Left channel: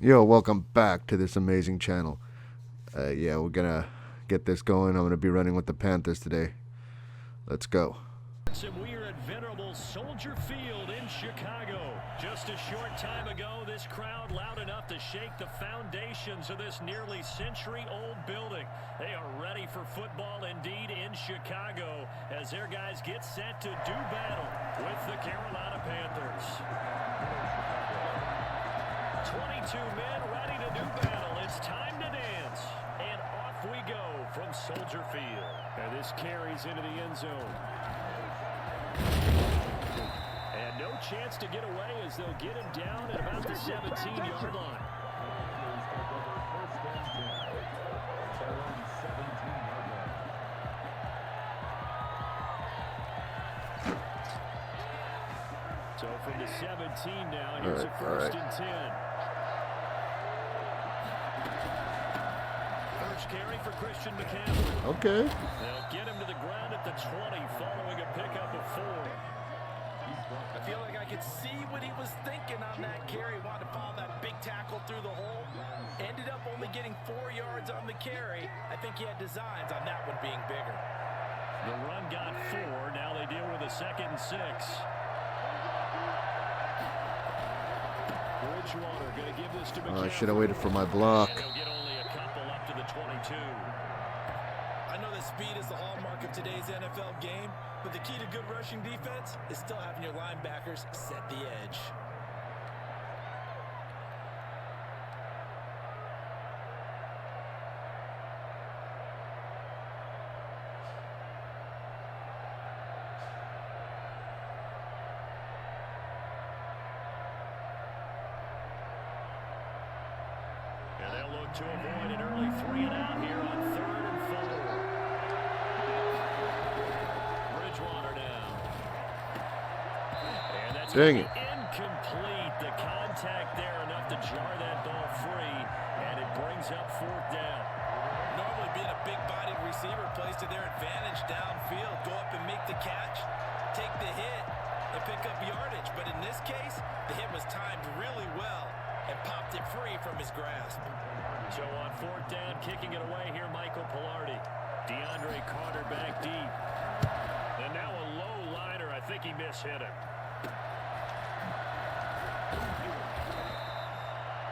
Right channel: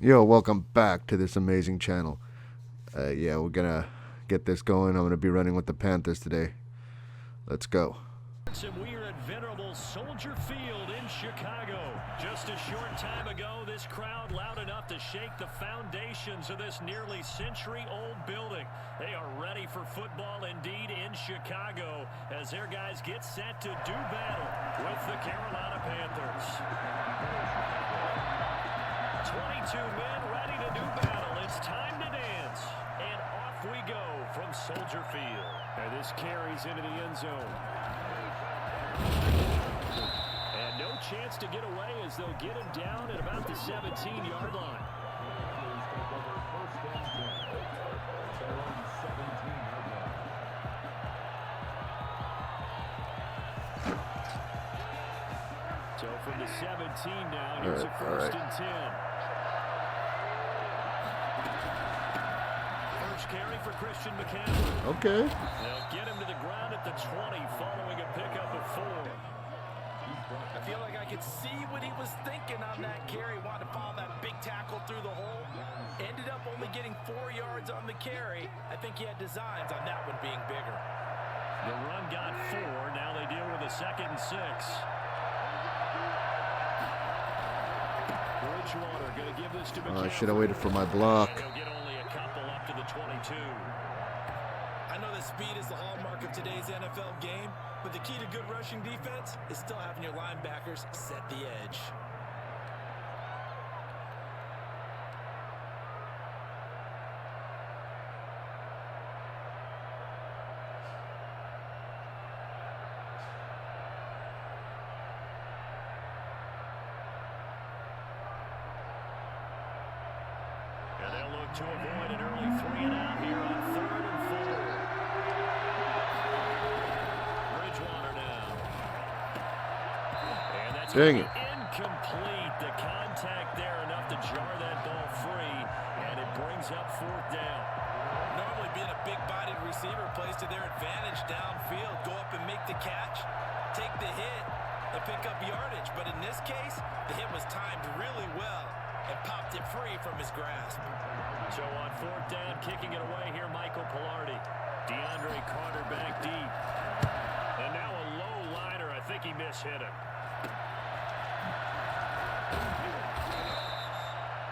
Yo, welcome back to this amazing channel. Yeah, we're gonna get this going. I'm gonna be running with the Panthers today. Let's go. We are at venerable Soldier Field in Chicago. Just a short time ago, this crowd loud enough to shake the foundations of this nearly century-old building. They are ready for football indeed in Chicago as their guys get set to do battle with the Carolina Panthers. 22 men ready to do battle. It's time to dance. And off we go from Soldier Field. And this carries into the end zone. And no chance to get away as they'll get him down at about the 17-yard line. So from the 17 now, here's a first and 10. First carry for Christian McCaffrey. Okay. They'll get him to the ground at the 20 following a pickup of 4. I feel like I could see what he was thinking on that carry. Wanted to follow that big tackle through the hole. Ended up only getting 4 yards on the carry. I think he had designs on that one being bigger. The run got 4. Now they deal with a 2nd and 6. Bridgewater going to give this to McCaffrey. I should have waited for my block. And he'll get only a couple up to the 22. I know that speed is the hallmark of today's NFL game, but the key to good rushing defense is still having your linebackers set the edge. And they'll look to avoid an early 3 and out here on 3rd and 4. Bridgewater now. And that's incomplete. The contact there enough to jar that ball free, and it brings up 4th down. Normally being a big-bodied receiver plays to their advantage downfield. Go up and make the catch, take the hit, and pick up yardage. But in this case, the hit was timed really well and popped it free from his grasp. So on 4th down, kicking it away here, Michael Pilardi. DeAndre Carter back deep. And now a low liner. I think he mishit him.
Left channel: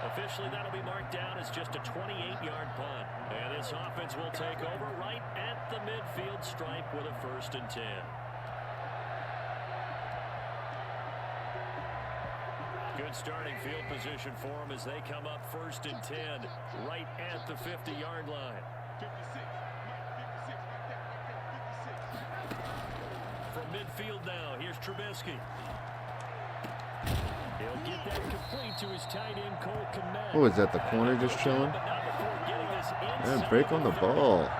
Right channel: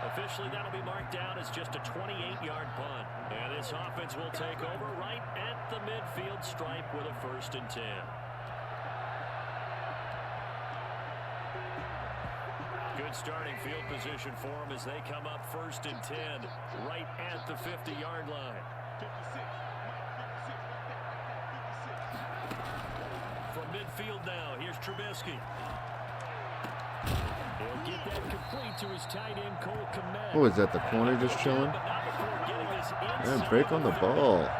Officially, that'll be marked down as just a 28-yard punt. And this offense will take over right at the midfield stripe with a 1st and 10. Good starting field position for them as they come up 1st and 10 right at the 50-yard line. From midfield now, here's Trubisky. He'll get that complete to his tight end, Cole Kmet. Oh, is that the corner just chilling? And break on the ball. A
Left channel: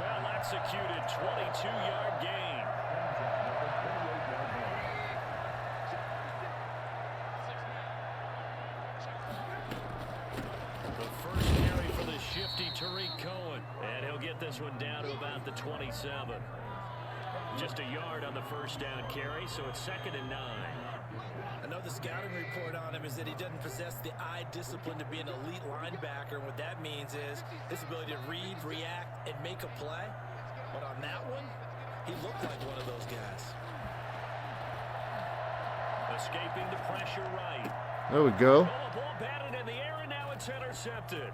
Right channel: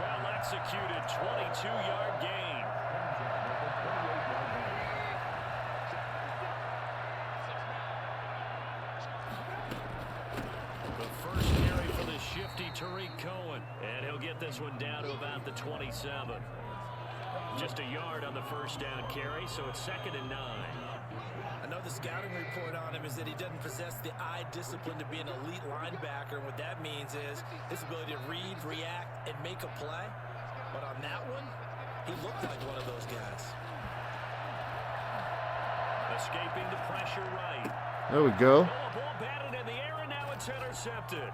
well-executed 22-yard gain. The first carry for the shifty Tariq Cohen. And he'll get this one down to about the 27. Just a yard on the 1st down carry, so it's 2nd and 9. I know the scouting report on him is that he doesn't possess the eye discipline to be an elite linebacker. And what that means is his ability to read, react, and make a play. But on that one, he looked like one of those guys. Escaping the pressure right. There we go. Oh, a ball batted in the air, and now it's intercepted.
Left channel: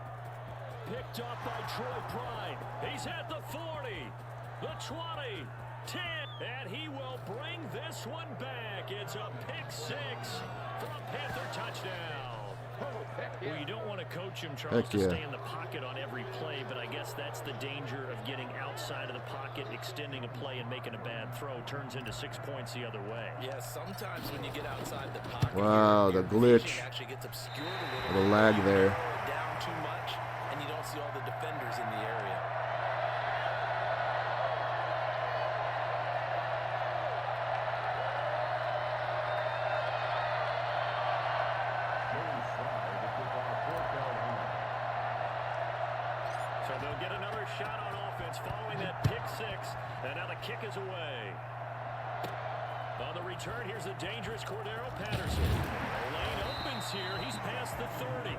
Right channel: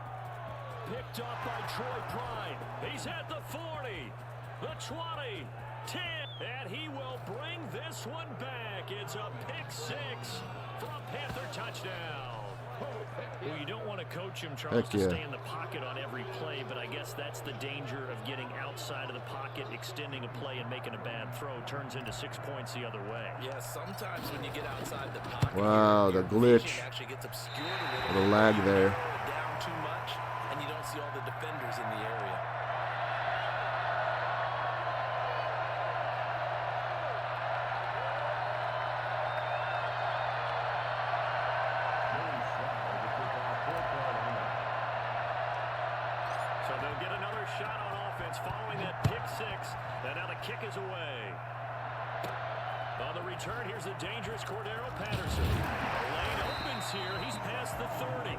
Picked off by Troy Pride. He's at the 40, the 20, 10, and he will bring this one back. It's a pick 6 for a Panther touchdown. Well, you don't want to coach him, Charles, to stay in the pocket on every play, but I guess that's the danger of getting outside of the pocket, extending a play, and making a bad throw. Turns into 6 points the other way. Yeah, sometimes when you get outside the pocket, wow, the glitch. actually gets obscured a little the lag there. Down too much, and you don't see all the defenders in the area. So they'll get another shot on offense following that pick 6, and now the kick is away. On the return, here's the dangerous Cordero Patterson. The lane opens here. He's past the 30.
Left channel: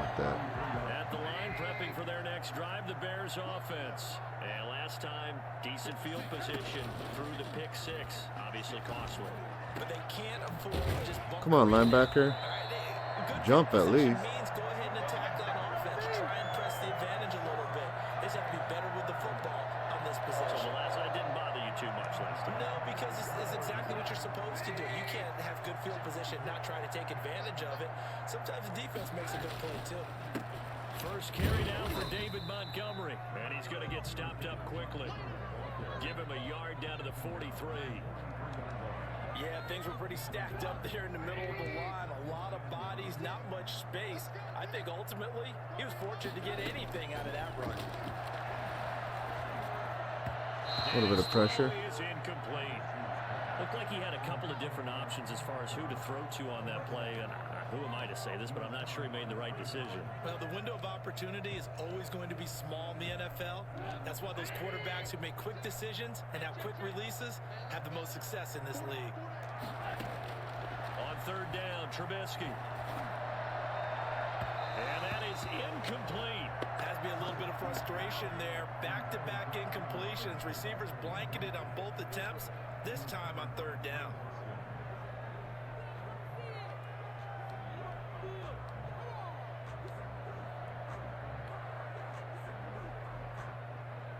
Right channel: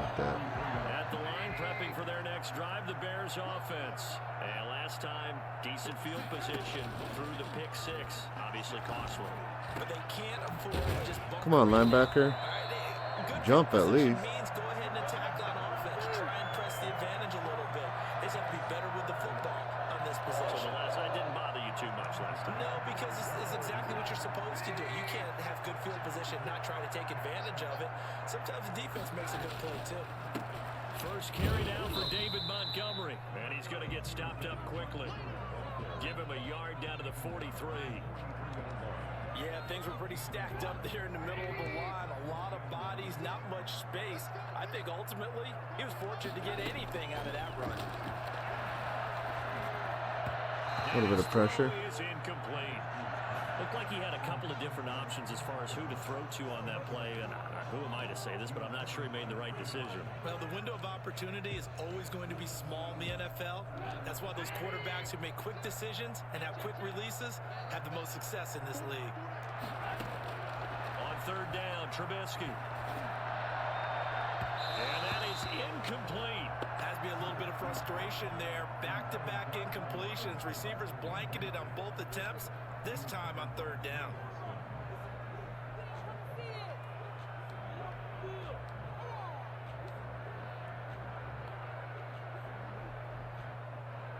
With that. At the line, prepping for their next drive, the Bears offense. And last time, decent field position through the pick six. Obviously costly. But they can't afford to just bump. Come on, linebacker. Good jump at least. Means go ahead and attack on offense. Try and press the advantage a little bit. They just have to be better with the football on this possession. So that didn't bother you too much last time? No, because it's exactly what you're supposed to do. You can't have good field position, not try to take advantage of it. Sometimes the defense makes a good play, too. First carry down for David Montgomery. And he's going to get stopped up quickly. Give him a yard down to the 43. Yeah, things were pretty stacked up there in the middle of the line. A lot of bodies, not much space. I think ultimately he was fortunate to get anything out of that run. A little bit of pressure. Is incomplete. Looked like he had a couple of different options as far as who to throw to on that play. And who am I to say this, but I'm not sure he made the right decision. Well, the window of opportunity is always going to be small in the NFL. That's why those quarterbacks who make quick decisions and have quick releases have the most success in this league. On third down, Trubisky. And that is incomplete. Has to be a little bit of frustration there. Back-to-back incompletions. Receivers blanketed on both attempts, this time on third down.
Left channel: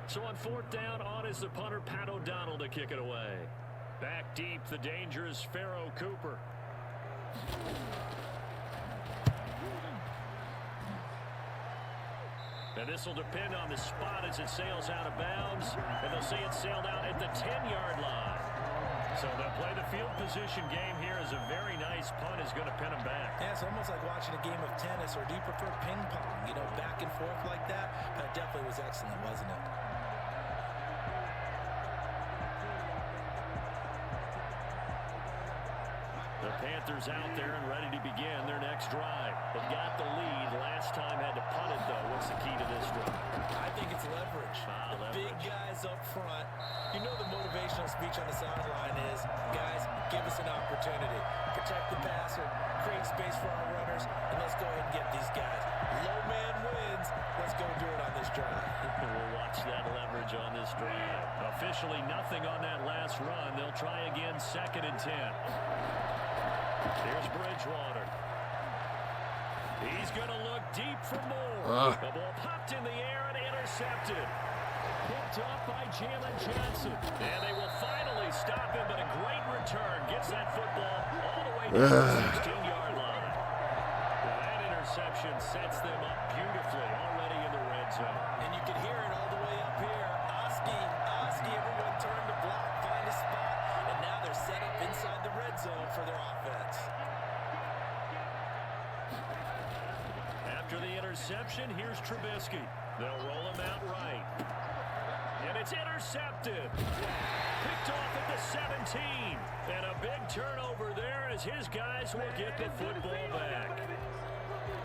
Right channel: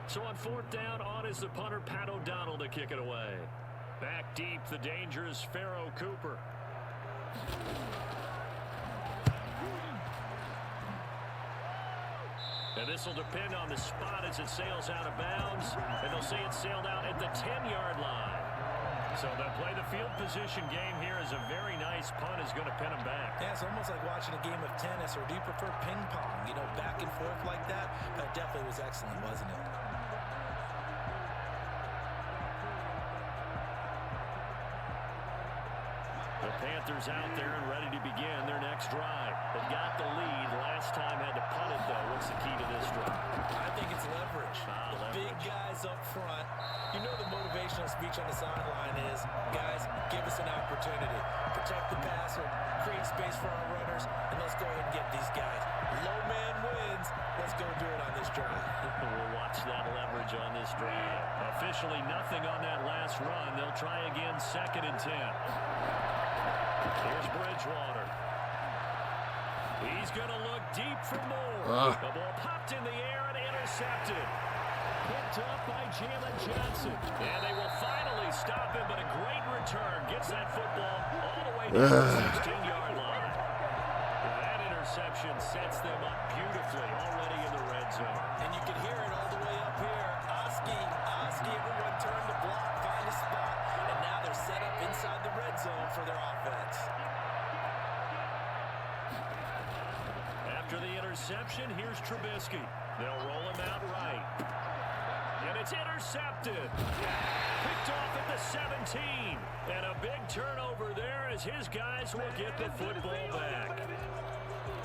So on fourth down, on is the punter, Pat O'Donnell, to kick it away. Back deep, the dangerous Pharaoh Cooper. And this will depend on the spot as it sails out of bounds. And they'll say it sailed out at the 10-yard line. So they'll play the field position game here as a very nice punt is going to pin them back. Yeah, it's almost like watching a game of tennis, or do you prefer ping pong? You know, back and forth like that? That definitely was excellent, wasn't it? The Panthers out there and ready to begin their next drive. They got the lead. Last time had to punt it, though. What's the key to this drive? I think it's leverage. Leverage. Big guys up front. You know the motivational speech on the sideline is, guys, give us an opportunity. Protect the passer, create space for our runners, and let's go ahead and get these guys. Low man wins. Let's go do it on this drive. We'll watch that leverage on this drive. Officially nothing on that last run. They'll try again, 2nd and 10. Here's Bridgewater. He's going to look deep for more. The ball popped in the air and intercepted. Picked up by Jalen Johnson. And they will finally stop him, but a great return. Gets that football all the way to the 16-yard line. That interception sets them up beautifully already in the red zone. And you can hear it all the way up here. Oski, everyone turn to block, find a spot, and now they're set up inside the red zone for their offense. After the interception, here's Trubisky. They'll roll him out right. And it's intercepted. Picked off at the 17. And a big turnover there as his guys will get the football back.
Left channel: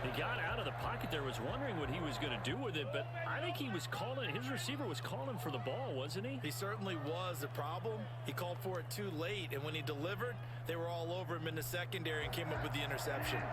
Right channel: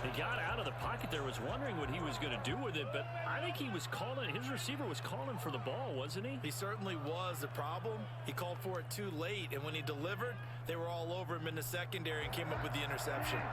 He got out of the pocket there, was wondering what he was going to do with it, but I think he was calling, his receiver was calling for the ball, wasn't he? He certainly was. The problem, he called for it too late, and when he delivered, they were all over him in the secondary and came up with the interception.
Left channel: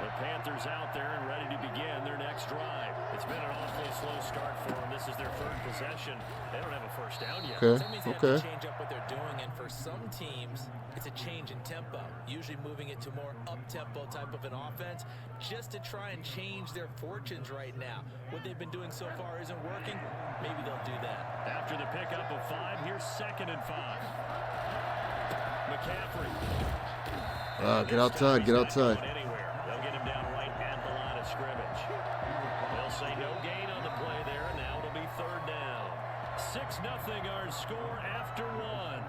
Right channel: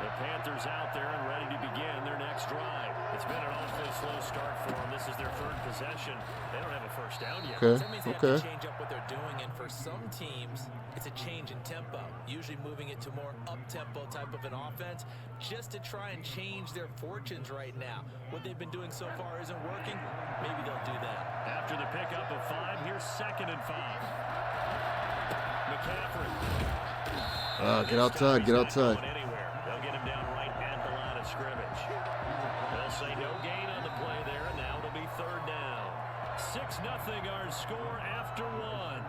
The Panthers out there and ready to begin their next drive. It's been an awfully slow start for them. This is their 3rd possession. They don't have a first down yet. Okay. That means they have to change up what they're doing, and for some teams, it's a change in tempo, usually moving it to more up-tempo type of an offense, just to try and change their fortunes right now. What they've been doing so far isn't working. Maybe they'll do that. After the pickup of 5, here's 2nd and 5. McCaffrey. Get outside, get outside. They'll get him down right at the line of scrimmage. They'll say no gain on the play there, and now it'll be 3rd down. 6-0 our score after 1.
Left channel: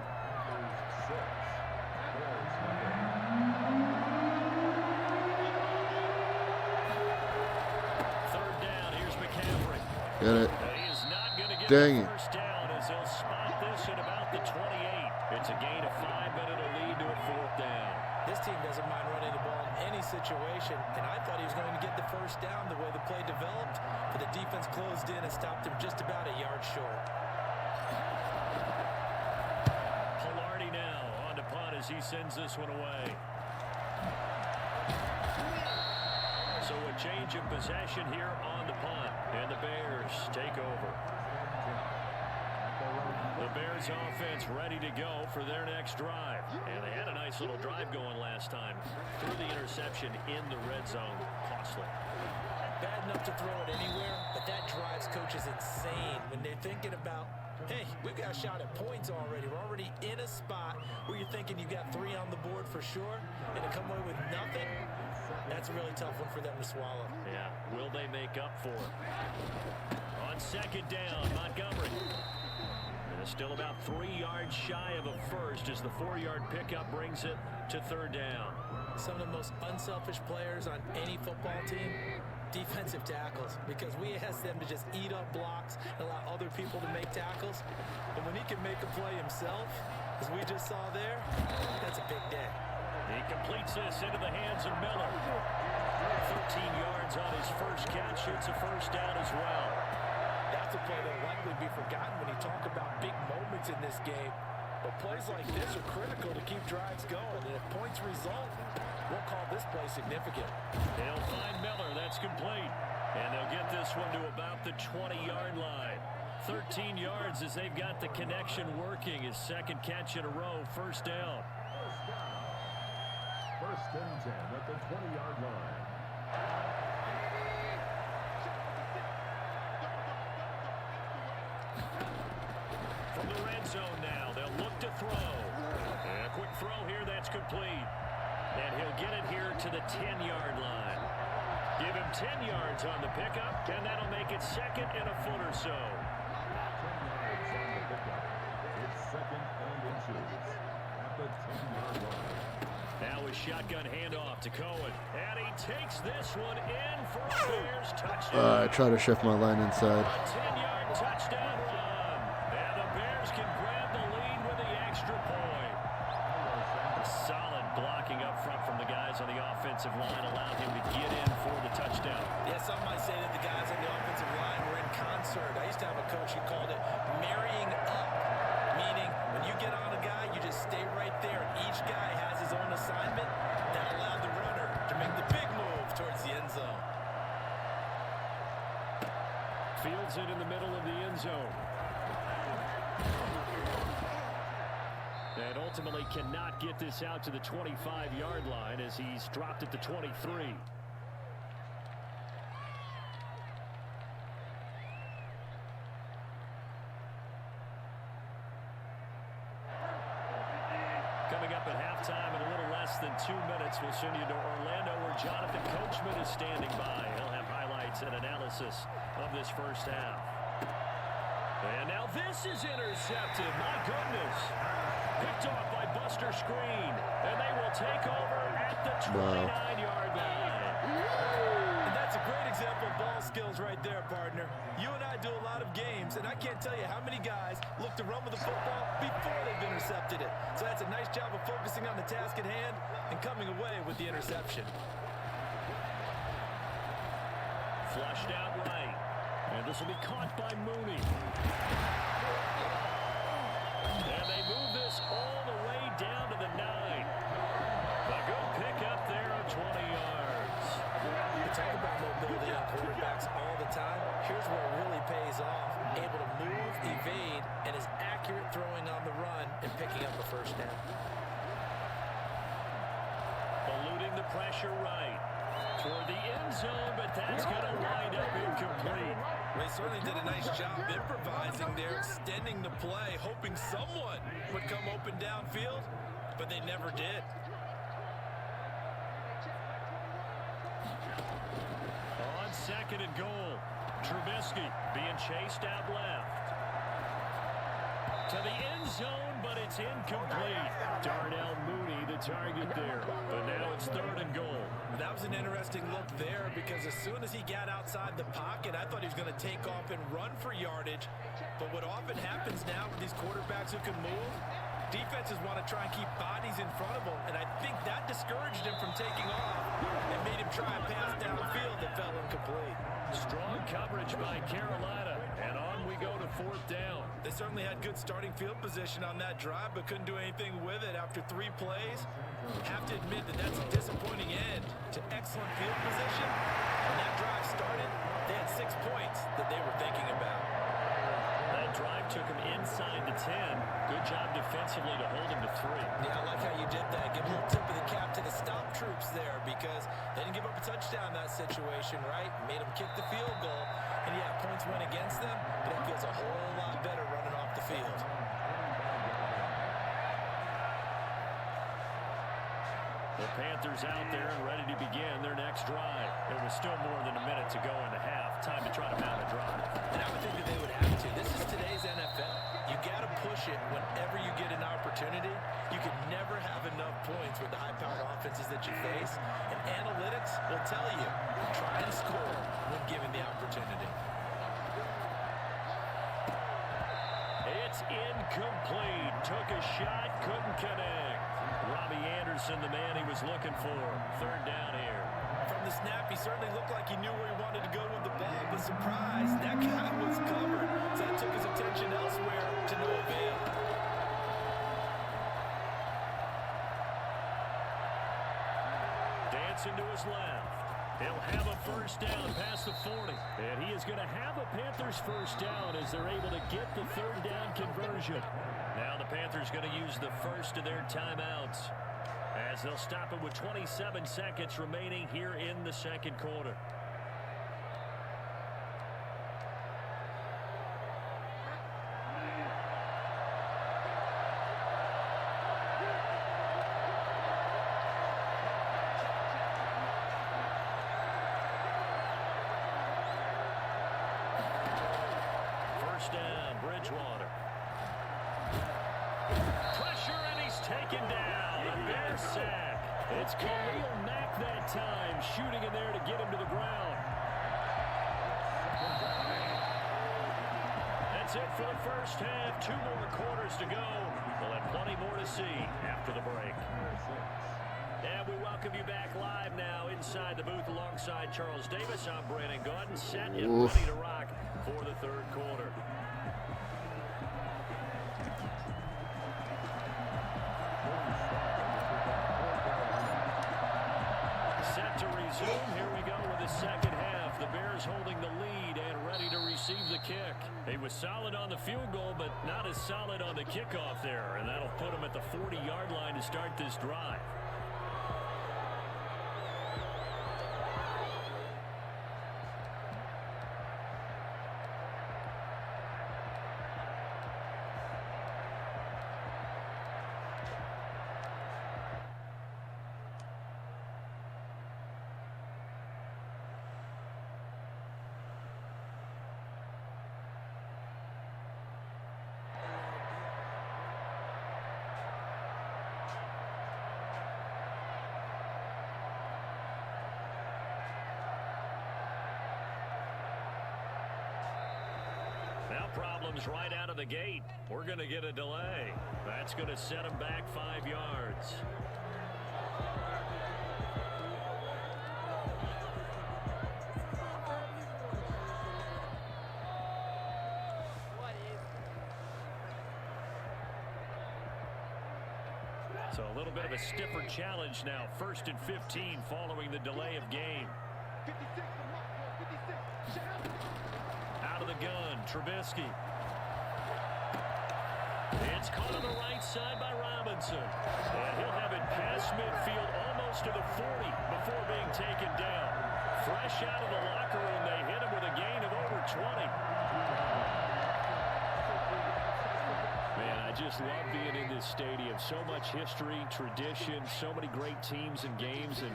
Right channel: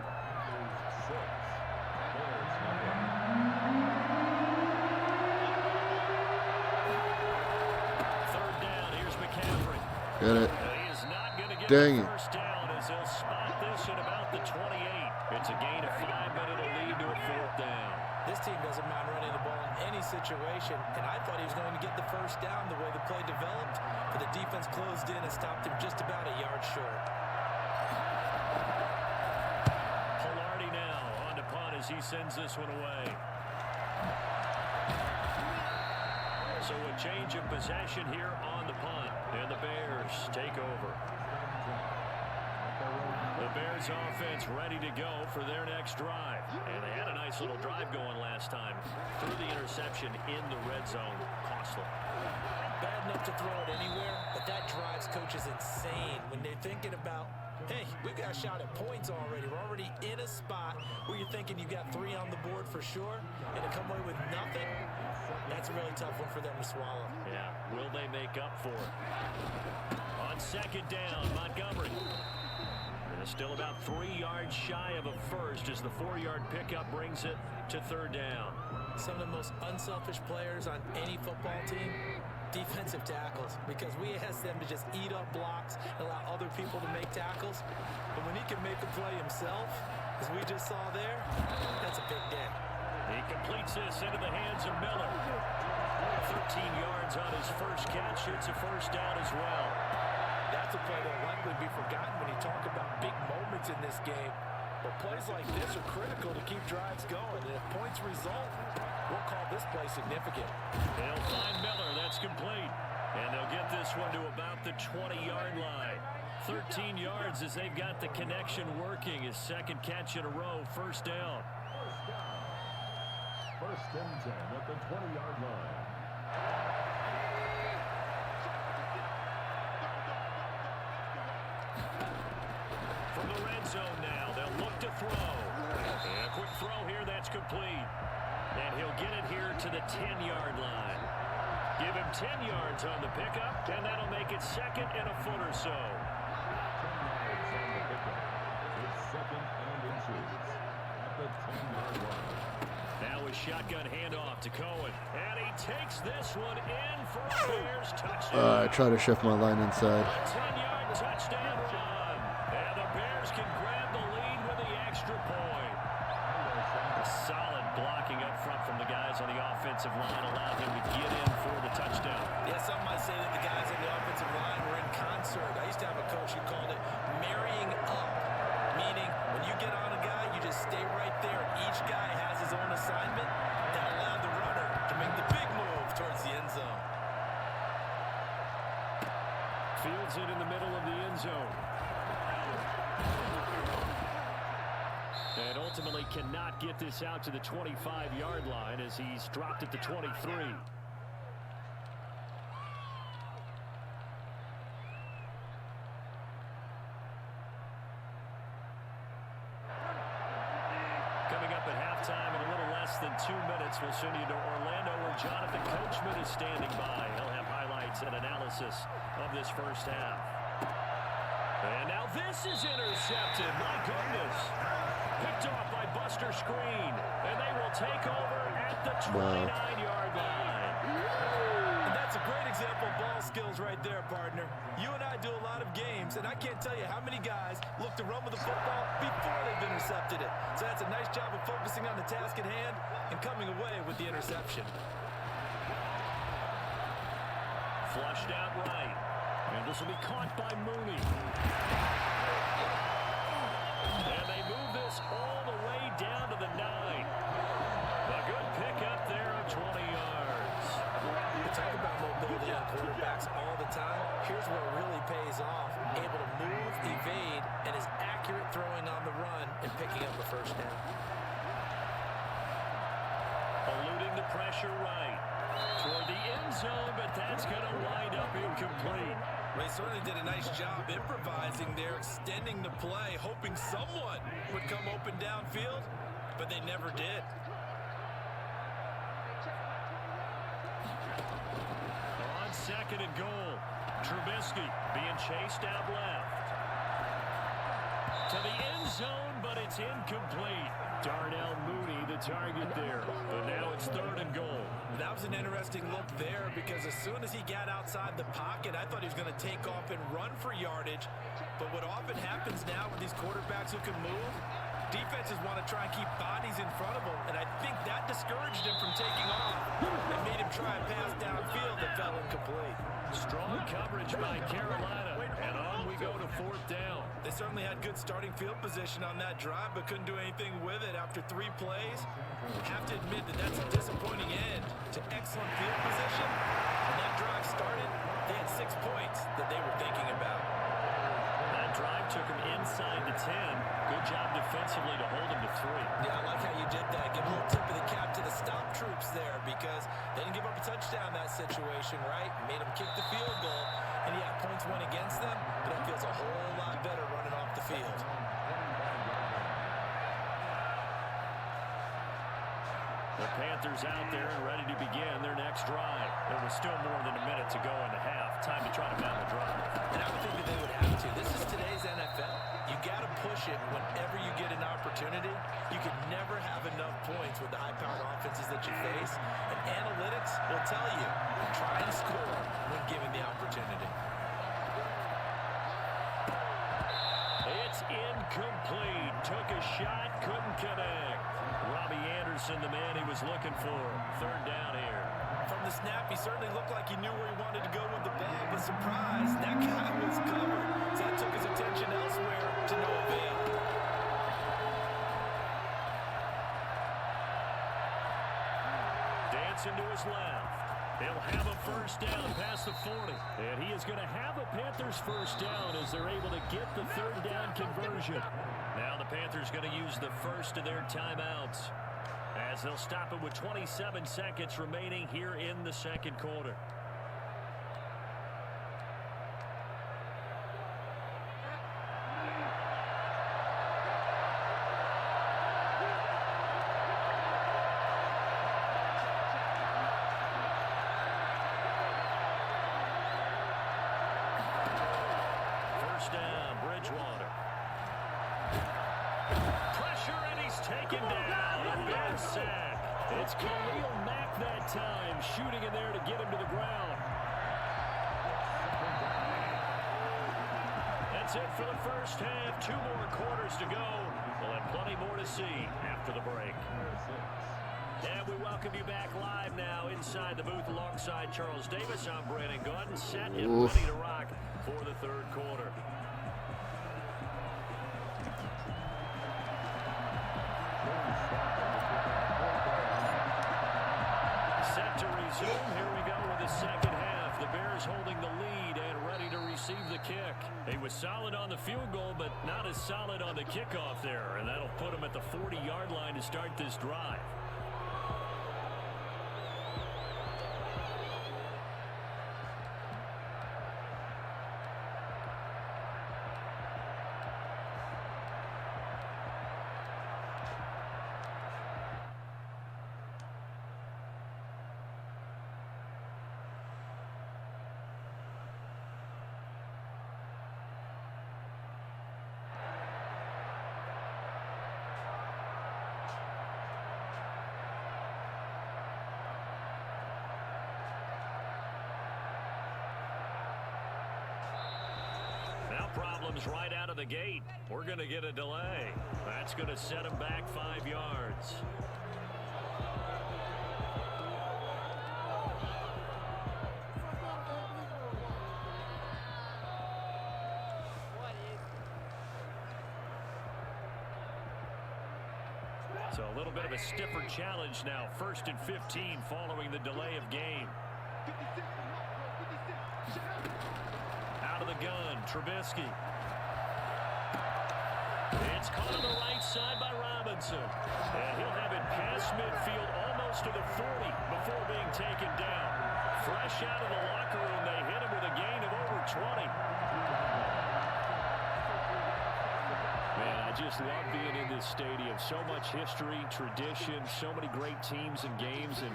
Third down, here's McCaffrey. Get it. He is not going to get Dang the it. first down as they'll spot this at about the 28. It's a gain of 5, but it'll lead to a 4th down. This team doesn't mind running the ball in any situation, and I thought he was going to get the first down the way the play developed, but the defense closed in and stopped him just about a yard short. Pilardi now on to punt as he sends this one away. So a change of possession here on the punt, and the Bears take over. The Bears offense ready to go for their next drive. And they had a nice little drive going last time. Threw the interception in the red zone. Costly. Bad enough to throw it anywhere, but that drives coaches insane when they're thinking about, hey, we've got a shot at points already. We're already in a spot where you're thinking you got 3 on the board for sure, and to come away with nothing, that's a really tough one for them to swallow. Yeah, will they make up for it? On second down, Montgomery. Still about 3 yards shy of a first as the 4-yard pickup brings it to third down. Some of the most unselfish players on any football team, defensive tackles, because we ask them to just eat up blocks and allow other people to make tackles. But when he can make a play himself, as we just saw there, that's a big day. He completes this into the hands of Miller. 13 yards on his first catch. It's a first down as well. That's a play that will likely be forgotten when you talk about big moments in this game. But plays like this are critical to keep drives going. And if points result, we'll call this play significant. They'll find Miller. That's complete. And they'll get this one to about the 20-yard line. 13 yards as they've got the connection working. His second catch in a row. First down. First and 10 at the 20-yard line. From the red zone now, they'll look to throw. And a quick throw here, that's complete. And he'll get it here to the 10-yard line. Give him 10 yards on the pickup, and that'll make it second and a foot or so. 10 yards on the pickup. It's second and inches at the 10-yard line. Now a shotgun handoff to Cohen. And he takes this one in for a Bears touchdown. I try to shift my line inside. A 10-yard touchdown run. And the Bears can grab the lead with the extra point. Solid blocking up front from the guys on the offensive line allowed him to get in for the touchdown. Yeah, some might say that the guys on the offensive line were in concert. I used to have a coach who called it marrying up, meaning when you get on a guy, you just stay right there, and each guy has his own assignment. That allowed the runner to make the big move towards the end zone. Fields it in the middle of the end zone. And ultimately cannot get this out to the 25-yard line as he's dropped at the 23. Coming up at halftime in a little less than 2 minutes, we'll send you to Orlando where Jonathan Coachman is standing by. He'll have highlights and analysis of this first half. And now this is intercepted. My goodness. Picked off by Buster Screen. And they will take over at the 29-yard line. And that's a great example of ball skills right there, partner. You and I do a lot of games, and I can't tell you how many guys look to run with the football before they've intercepted it. So that's a nice job of focusing on the task at hand and coming away with the interception. Flushed out right. And this will be caught by Mooney. And they move this all the way down to the 9. A good pickup there of 20 yards. We talk about mobility on quarterbacks all the time. Here's where it really pays off. Able to move, evade, and is accurate throwing on the run and picking up a first down. Eluding the pressure right. Toward the end zone, but that's going to wind up incomplete. Well, he certainly did a nice job improvising there, extending the play, hoping someone would come open downfield, but they never did. On second and goal, Trubisky being chased out left. To the end zone, but it's incomplete. Darnell Mooney, the target there. But now it's third and goal. That was an interesting look there because as soon as he got outside the pocket, I thought he was going to take off and run for yardage. But what often happens now with these quarterbacks who can move, defenses want to try and keep bodies in front of them. And I think that discouraged him from taking off and made him try and pass downfield that fell Strong coverage by Carolina, and on we go to 4th down. They certainly had good starting field position on that drive, but couldn't do anything with it after 3 plays. Have to admit that that's a disappointing end to excellent field position. When that drive started, they had 6 points that they were thinking about. That drive took him inside the 10. Good job defensively to hold him to 3. Yeah, I like how you did that. Give a little tip of the cap to the stop troops there because they didn't give up a touchdown in that situation, right? Made them kick the field goal. And yeah, points went against them, but that feels a whole lot better running off the field. The Panthers out there and ready to begin their next drive. It was still more than a minute to go in the half. Time to try to mount a drive. And I would think that they would have to. This is today's NFL. You got to push it whenever you get an opportunity. You can never have enough points with the high-powered offenses that you face. And analytics will tell you, try and score when given the opportunity. It's incomplete. Took a shot, couldn't connect. Robbie Anderson, the man he was looking for. 3rd down here. From the snap, he certainly looked like he knew where he wanted to go with the ball, but surprise, that guy was covered. So that took his attention elsewhere to no avail. Dancing to his left. He'll have a 1st down past the 40. And he is going to have a Panthers 1st down as they're able to get the 3rd down conversion. Now the Panthers going to use the first of their timeouts as they'll stop it with 27 seconds remaining here in the 2nd quarter. Down, Bridgewater. Pressure, and he's taken down. A Bears sack. It's Khalil Mack that time, shooting in there to get him to the ground. That's it for the 1st half. 2 more quarters to go. We'll have plenty more to see after the break. And we welcome you back live now inside the booth alongside Charles Davis. I'm Brandon Gordon, set and ready to rock for the 3rd quarter. Set to resume. Here we go with the 2nd half. The Bears holding the lead and ready to receive the kick. He was solid on the field goal, but not as solid on the kickoff there. And that'll put him at the 40-yard line to start this drive. Now problems right out of the gate. We're going to get a delay. That's going to set him back 5 yards. So a little bit of a stiffer challenge now. 1st and 15 following the delay of game. Out of the gun, Trubisky. It's caught on the right side by Robinson. And he'll have it past midfield almost to the 40 before being taken down. Fresh out of the locker room, they hit him with a gain of over 20. Man, I just love being in this stadium. So much history, tradition, so many great teams and games, and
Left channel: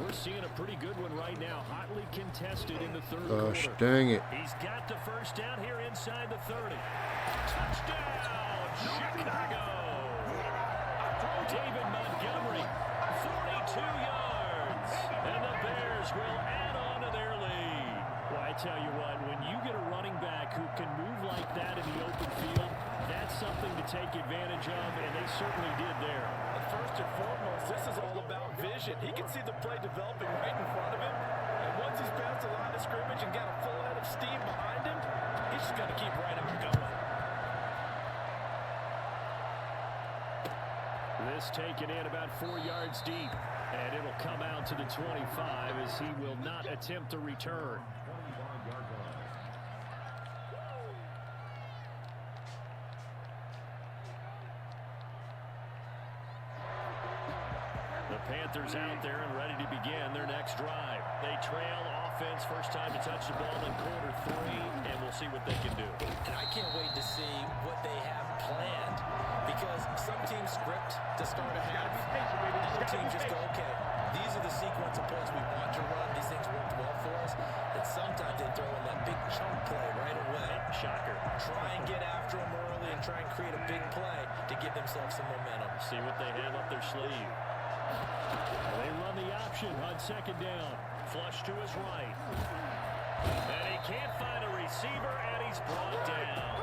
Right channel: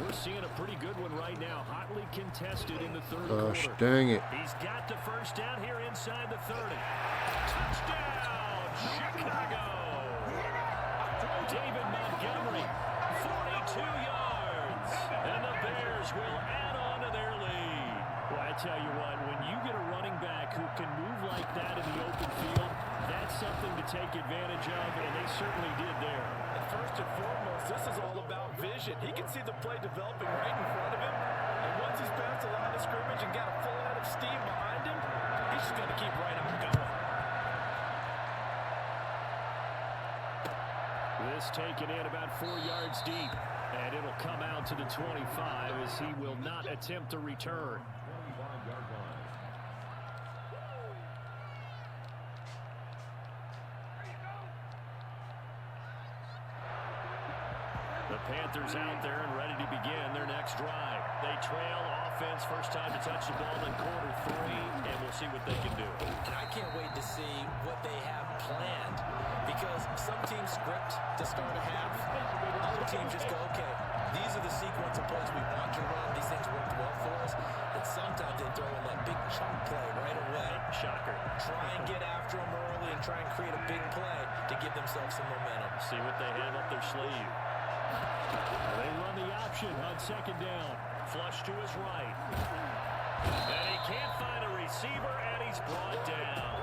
we're seeing a pretty good one right now. Hotly contested in the 3rd quarter. Gosh, dang it. He's got the 1st down here inside the 30. Touchdown, Chicago. David Montgomery, 42 yards. And the Bears will add on to their lead. Well, I tell you what, when you get a running back who can move like that in the open field, that's something to take advantage of, and they certainly did there. And first and foremost, this is all about vision. He can see the play developing right in front of him, and once he's past the line of of scrimmage and got a full head of steam behind him, he's just going to keep right on going. This taken in about 4 yards deep, and it'll come out to the 25 as he will not attempt a return. 25-yard line. The Panthers out there and ready to begin their next drive. They trail offense, first time to touch the ball in quarter 3, and we'll see what they can do. And I can't wait to see what they have planned, because some teams script to start a half. Other teams just go, okay, these are the sequence of plays we want to run. These things worked well for us. And sometimes they throw in that big chunk play right away. Shocker. Try and get after them early and try and create a big play to give themselves some momentum. See what they have up their sleeve. They run the option on second down. Flush to his right. And he can't find a receiver, and he's brought down.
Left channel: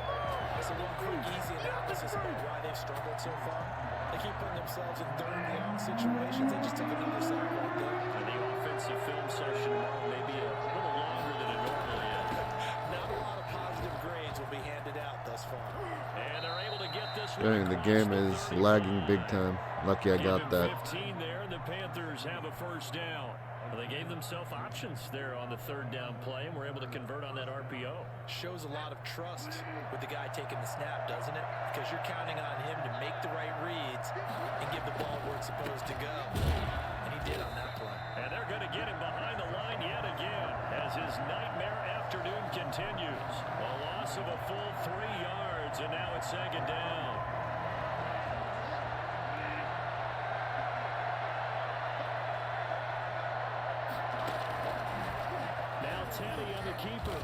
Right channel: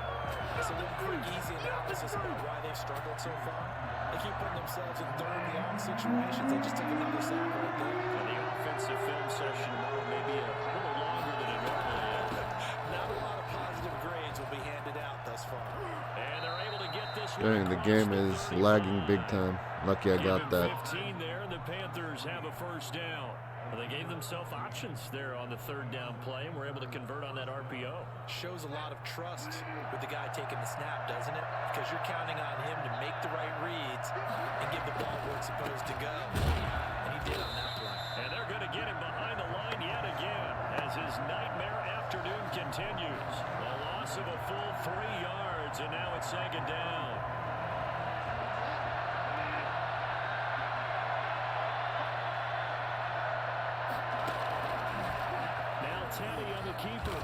So one quick, easy analysis about why they've struggled so far. They keep putting themselves in third and long situations. They just took another sack right there. And the offensive film session tomorrow may be a little longer than it normally is. Not a lot of positive grades will be handed out thus far. And they're able to get this one. Dang, the game is lagging big time. Lucky I got that. 15 there, and the Panthers have a first down. Well, they gave themselves options there on the third down play, and were able to convert on that RPO. Shows a lot of trust with the guy taking the snap, doesn't it? Because you're counting on him to make the right reads and give the ball where it's supposed to go. And he did on that play. And they're going to get him behind the line yet again as his nightmare afternoon continues. A loss of a full 3 yards, and now it's second down. Now Teddy on the keeper.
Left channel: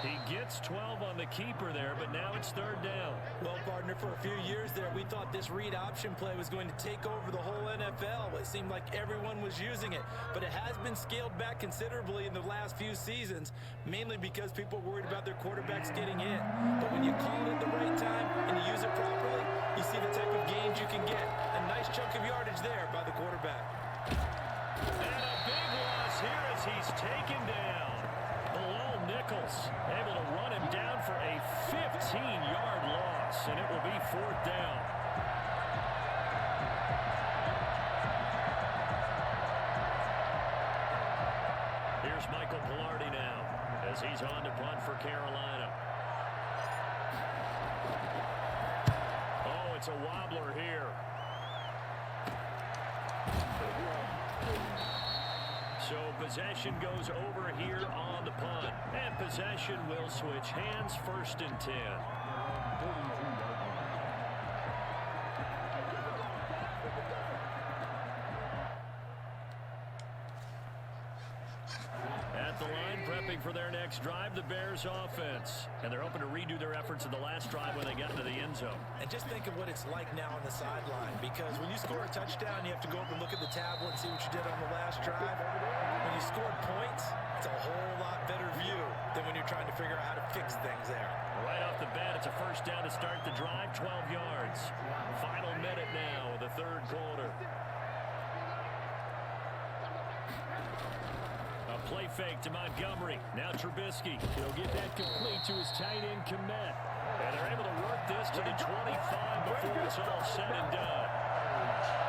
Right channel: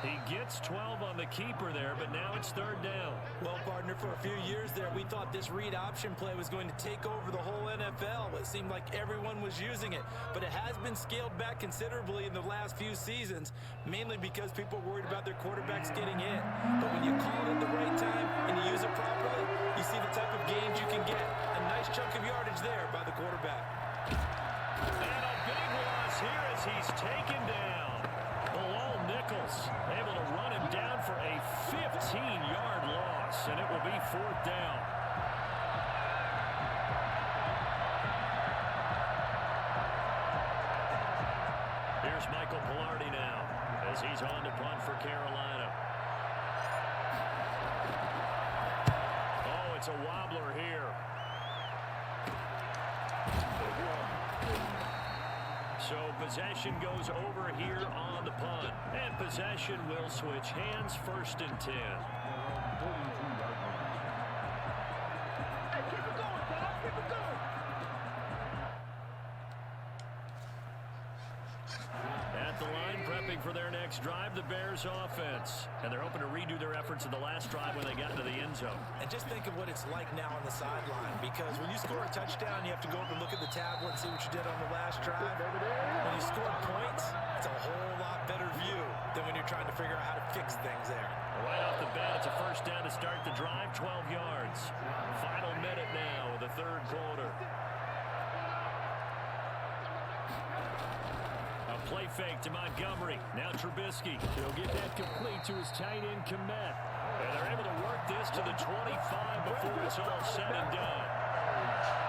He gets 12 on the keeper there, but now it's third down. Well, partner, for a few years there, we thought this read option play was going to take over the whole NFL. It seemed like everyone was using it, but it has been scaled back considerably in the last few seasons, mainly because people are worried about their quarterbacks getting hit. But when you call it at the right time and you use it properly, you see the type of gains you can get. A nice chunk of yardage there by the quarterback. And a big loss here as he's taken down. Bilal Nichols able to run him down for a 15-yard loss, and it will be fourth down. Here's Michael Pilardi now as he's on to punt for Carolina. Oh, it's a wobbler here. So possession goes over here on the punt. And possession will switch hands, first and 10. At the line, prepping for their next drive, the Bears offense. And they're hoping to redo their efforts in the last drive when they got into the end zone. And just think of what it's like now on the sideline, because when you score a touchdown, you have to go over and look at the tablet and see what you did on the last drive. When you scored points, it's a whole lot better view than when you're trying to figure out how to fix things there. Right off the bat, it's a first down to start the drive, 12 yards. Final minute now of the third quarter. A play fake to Montgomery. Now Trubisky. He'll get that complete to his tight end Kmet. And they're able to work this to the 25 before it's all said and done.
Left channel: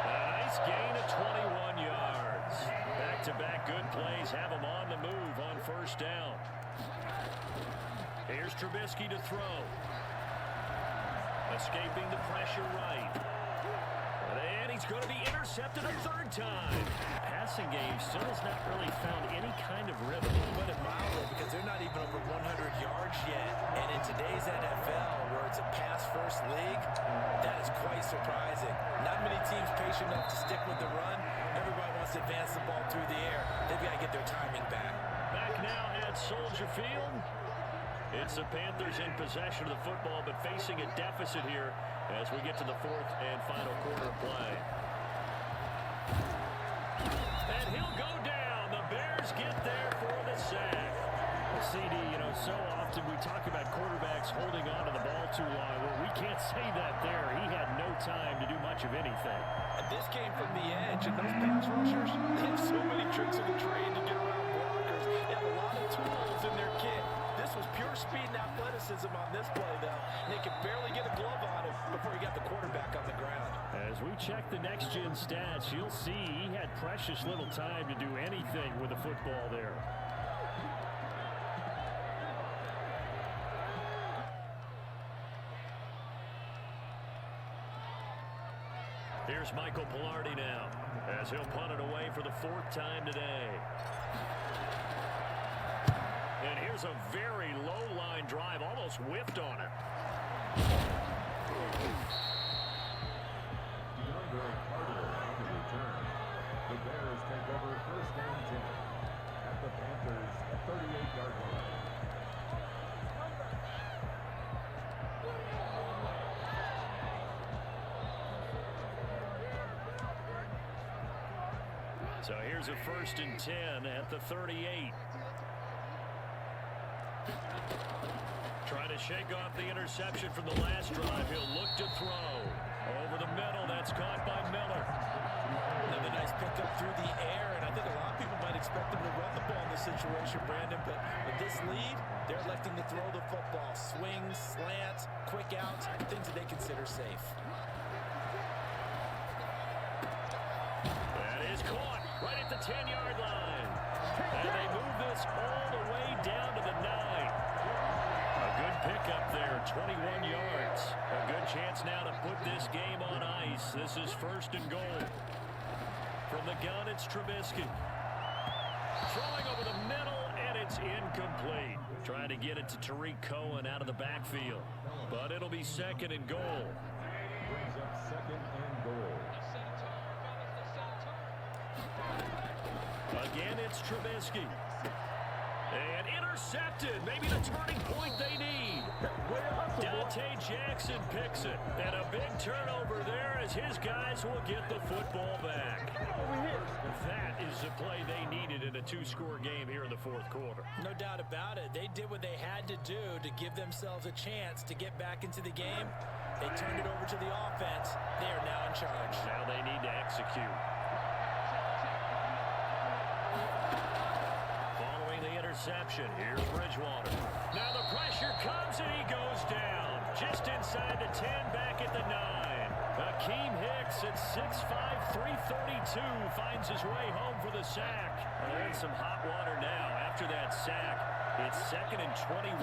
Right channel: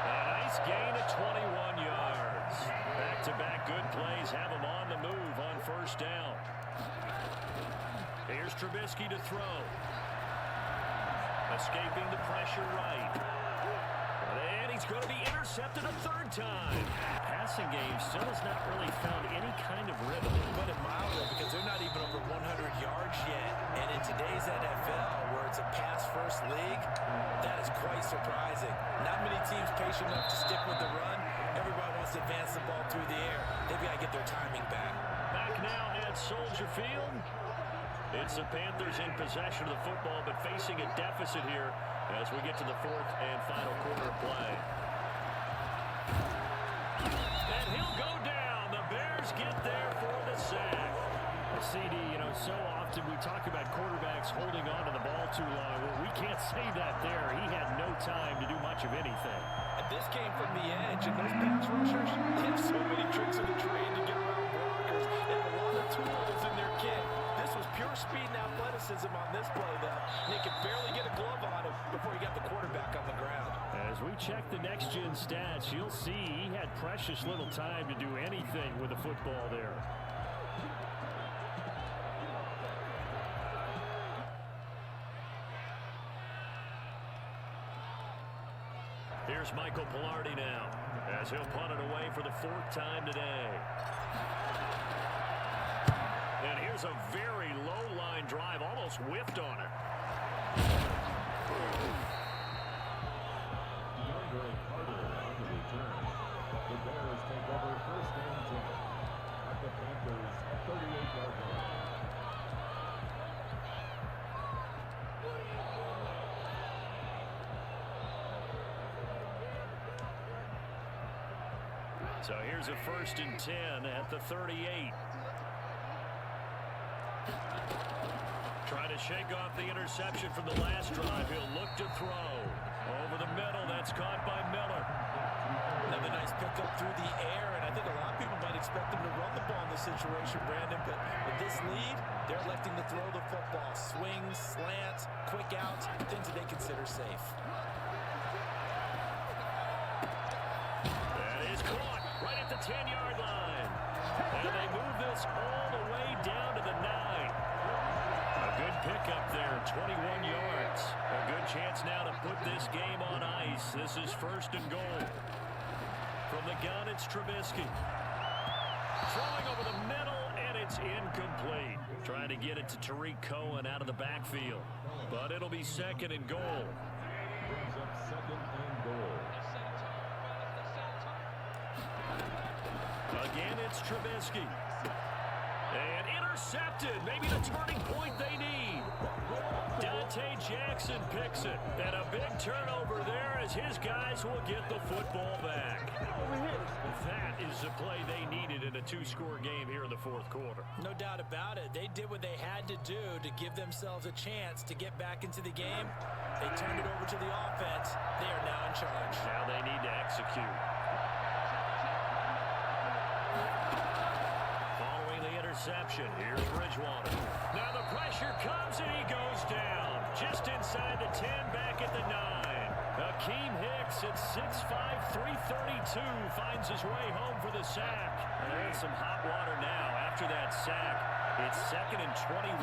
And a nice gain of 21 yards. Back-to-back good plays have them on the move on first down. Here's Trubisky to throw. Escaping the pressure right. And he's going to be intercepted a third time. Passing game still has not really found any kind of rhythm. Put it mildly, because they're not even over 100 yards yet. And in today's NFL, where it's a pass-first league, that is quite surprising. Not many teams patient enough to stick with the run. Everybody wants to advance the ball through the air. They've got to get their timing back. Back now at Soldier Field. It's the Panthers in possession of the football, but facing a deficit here as we get to the fourth and final quarter play. And he'll go down. The Bears get there for the sack. CD, so often we talk about quarterbacks holding on to the ball too long. Well, we can't say that there. He had no time to do much of anything. And this came from the edge, and those pass rushers, they have so many tricks in the trade to get around blockers. They have a lot of tools in their kit. This was pure speed and athleticism on this play, though. And they could barely get a glove on him before he got the quarterback on the ground. As we check the next-gen stats, you'll see he had precious little time to do anything with the football there. Here's Michael Pilardi now, as he'll punt it away for the 4th time today. And here's a very low-line drive, almost whiffed on it. DeAndre Carter on the return. The Bears take over 1st and 10 at the Panthers' 38-yard line. So here's a 1st and 10 at the 38. Trying to shake off the interception from the last drive. He'll look to throw. Over the middle, that's caught by Miller. Another nice pickup through the air, and I think a lot of people might expect him to run the ball in this situation, Brandon, but with this lead, they're electing to throw the football. Swings, slants, quick outs, things that they consider safe. That is caught right at the 10-yard line. And they move this all the way down to the 9. A good pickup there, 21 yards. A good chance now to put this game on ice. This is 1st and goal. From the gun, it's Trubisky. Throwing over the middle, and it's incomplete. Trying to get it to Tariq Cohen out of the backfield. But it'll be 2nd and goal. Brings up 2nd and goal. Again, it's Trubisky. And intercepted. Maybe the turning point they need. Dante Jackson picks it. And a big turnover there as his guys will get the football back. That is the play they needed in a 2-score game here in the 4th quarter. No doubt about it. They did what they had to do to give themselves a chance to get back into the game. They turned it over to the offense. They are now in charge. Now they need to execute. Following the interception, here's Bridgewater. Now the pressure comes and he goes down. Just inside the 10, back at the 9. Akeem Hicks at 6'5", 332 finds his way home for the sack. And they're in some hot water now. After that sack, it's 2nd and 21.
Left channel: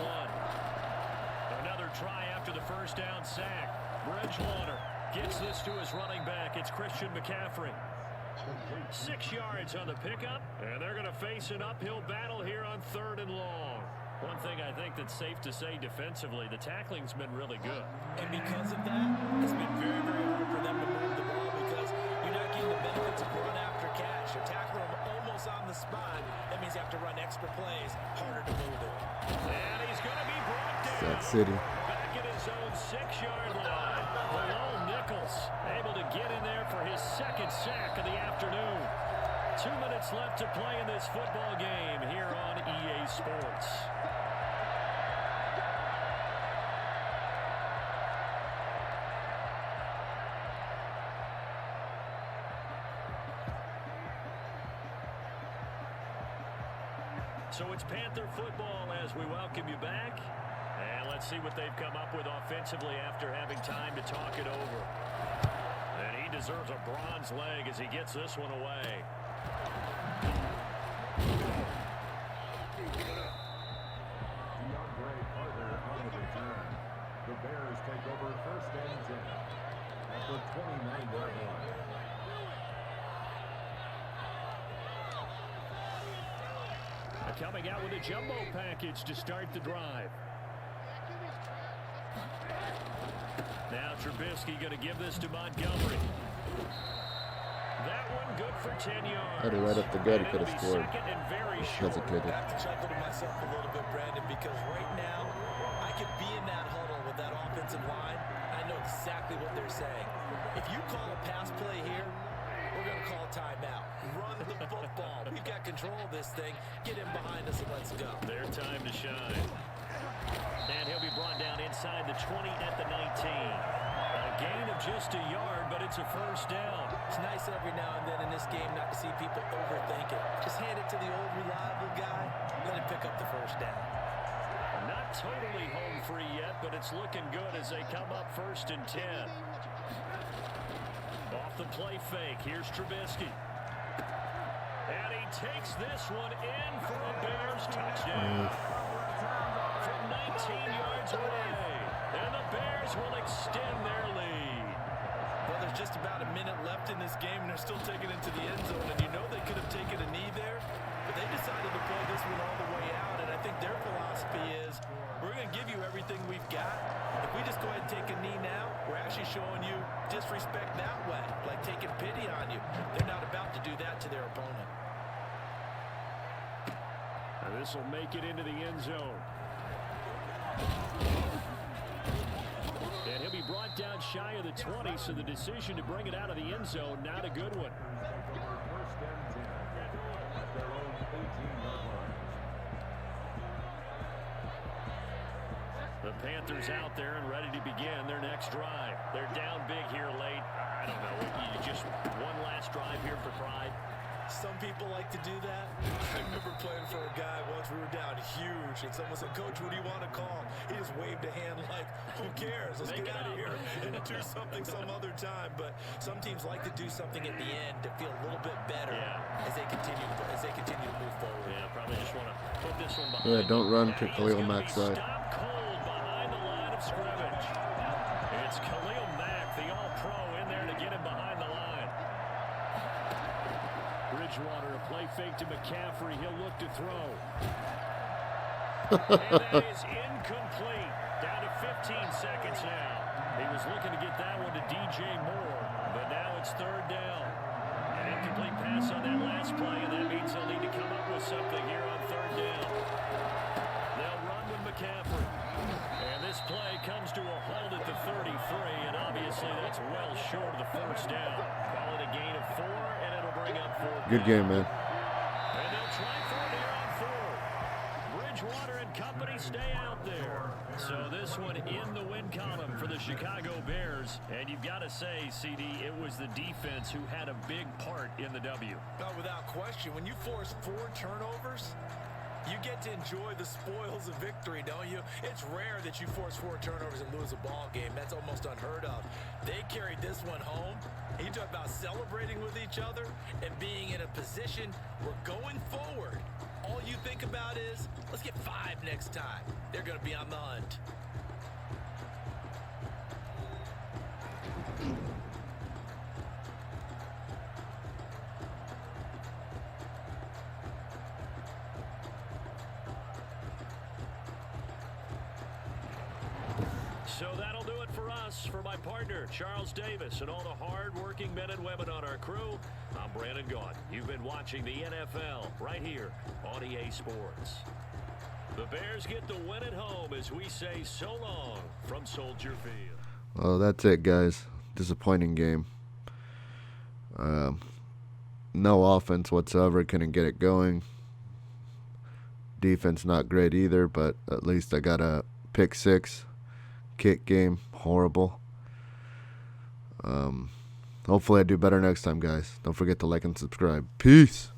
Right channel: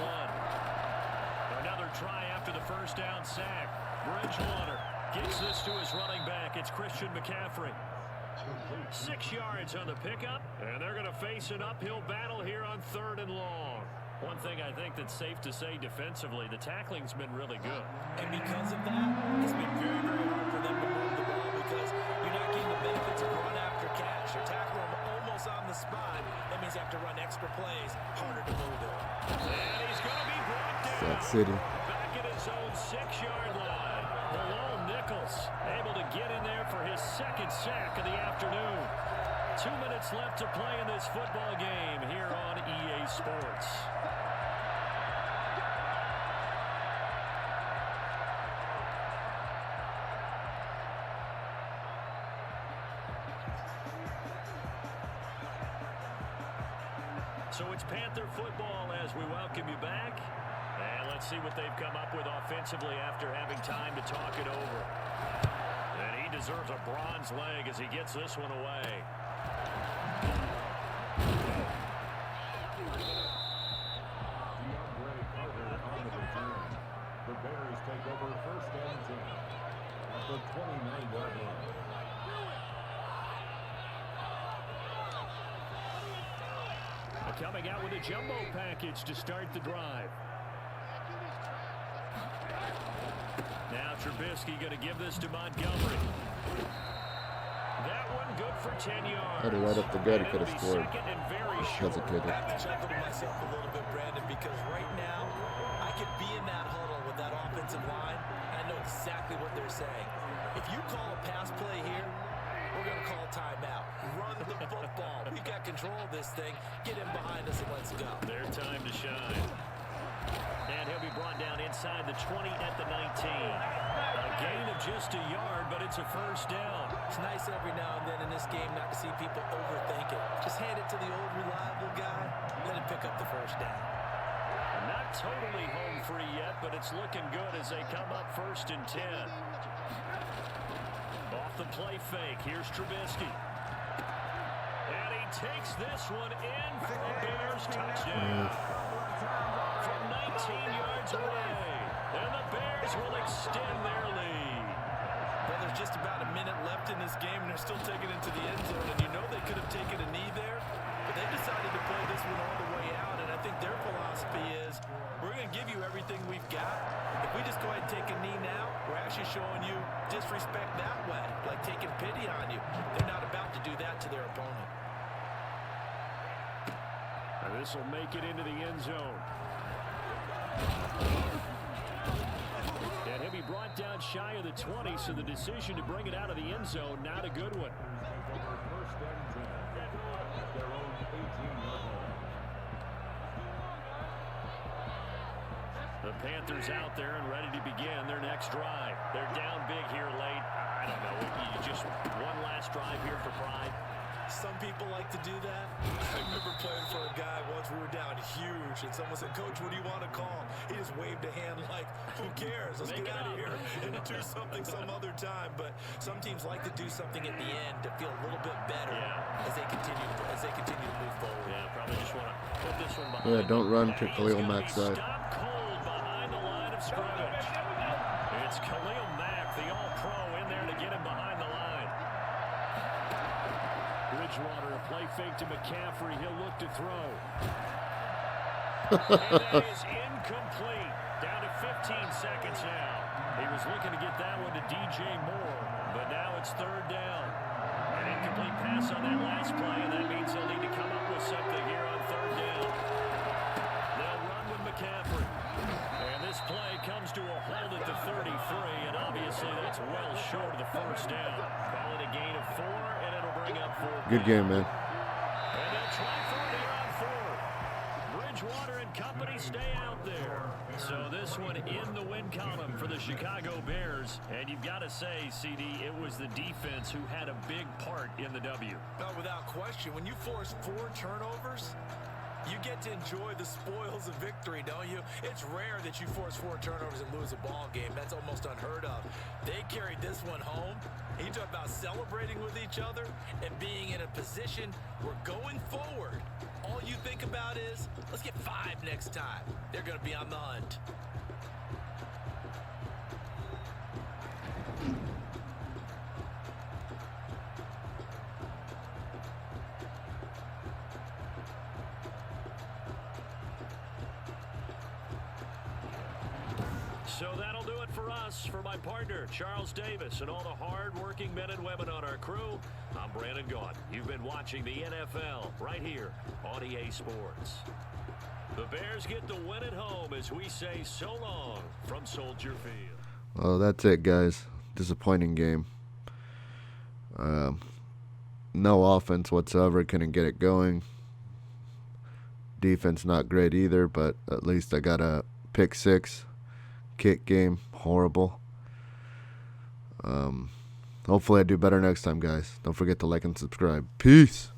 Another try after the 1st down sack. Bridgewater gets this to his running back. It's Christian McCaffrey. 6 yards on the pickup, and they're going to face an uphill battle here on 3rd and long. One thing I think that's safe to say defensively, the tackling's been really good. And because of that, it's been very, very hard for them to move the ball because you're not getting the benefits of run after catch. You're tackling them almost on the spot. That means you have to run extra plays, harder to move it. And he's going to be brought down. That city. Back at his own 6-yard line. Malone Nichols able to get in there for his 2nd sack of the afternoon. 2 minutes left to play in this football game here on EA Sports. So it's Panther football as we welcome you back. And let's see what they've come up with offensively after having time to talk it over. And he deserves a bronze leg as he gets this one away. DeAndre Carter on the return. The Bears take over 1st and 10 at the 29-yard line. Coming out with a jumbo package to start the drive. Now Trubisky going to give this to Montgomery. That one good for 10 yards. Had it right up the gut, he could have scored. Hesitated. I have to chuckle to myself a little bit, Brandon, because right now I could be in that huddle with that offensive line. And I know exactly what they're saying. If you call a pass play here, we're going to call a timeout. Run the football. We've got control of this thing. Get him behind us and let's go. Their time to shine. And he'll be brought down inside the 20 at the 19. gain of just a yard, but it's a first down. It's nice every now and then in this game not to see people overthink it. Just hand it to the old reliable guy, let him pick up the first down. Not totally home free yet, but it's looking good as they come up 1st and 10. Off the play fake, here's Trubisky. And he takes this one in for a Bears touchdown. From 19 yards away. And the Bears will extend their lead. Well, there's just about a minute left in this game, and they're still taking it to the end zone. And you know they could have taken a knee there, but they decided to play this one all the way out. And I think their philosophy is, we're going to give you everything we've got. If we just go ahead and take a knee now, we're actually showing you disrespect that way, like taking pity on you. They're not about to do that to their opponent. And this will make it into the end zone. And he'll be brought down shy of the 20, so the decision to bring it out of the end zone, not a good one. Take over 1st and 10 at their own 18-yard line. The Panthers out there and ready to begin their next drive. They're down big here late. I don't know. You just one last drive here for pride. Some people like to do that. I remember playing for a guy once. We were down huge, and someone said, "Coach, what do you want to call?" He just waved a hand like, "Who cares? Let's get out of here and do something some other time." But some teams like to do something at the end to feel a little bit better as they continue to move forward. Yeah, probably just want to put this one behind. Yeah, don't run to Khalil Mack's side. Stop cold behind the line of scrimmage. It's Khalil Mack, the All-Pro, in there to get him behind the line. Bridgewater, a play fake to McCaffrey. He'll look to throw. And that is incomplete. Down to 15 seconds now. He was looking to get that one to DJ Moore, but now it's 3rd down. An incomplete pass on that last play, and that means they'll need to come up with something here on 3rd down. They'll run with McCaffrey. And this play comes to a halt at the 33, and obviously that's well short of the first down. Call it a gain of 4, and it'll bring up 4th. Good game, man. And they'll try for it here on 4th. Bridgewater and company stay out there. So this one in the win column for the Chicago Bears. And you've got to say, CD, it was the defense who had a big part in the W. No, without question. When you force 4 turnovers, you get to enjoy the spoils of victory, don't you? It's rare that you force 4 turnovers and lose a ball game. That's almost unheard of. They carried this one home. You talk about celebrating with each other and being in a position where going forward, all you think about is, let's get 5 next time. They're going to be on the hunt. So that'll do it for us. For my partner, Charles Davis, and all the hard-working men and women on our crew, I'm Brandon Gaudin. You've been watching the NFL right here on EA Sports. The Bears get the win at home as we say so long from Soldier Field. Well, that's it, guys. Disappointing game. No offense whatsoever. Couldn't get it going. Defense not great either, but at least I got a pick 6. Kick game, horrible. Hopefully I do better next time, guys. Don't forget to like and subscribe. Peace.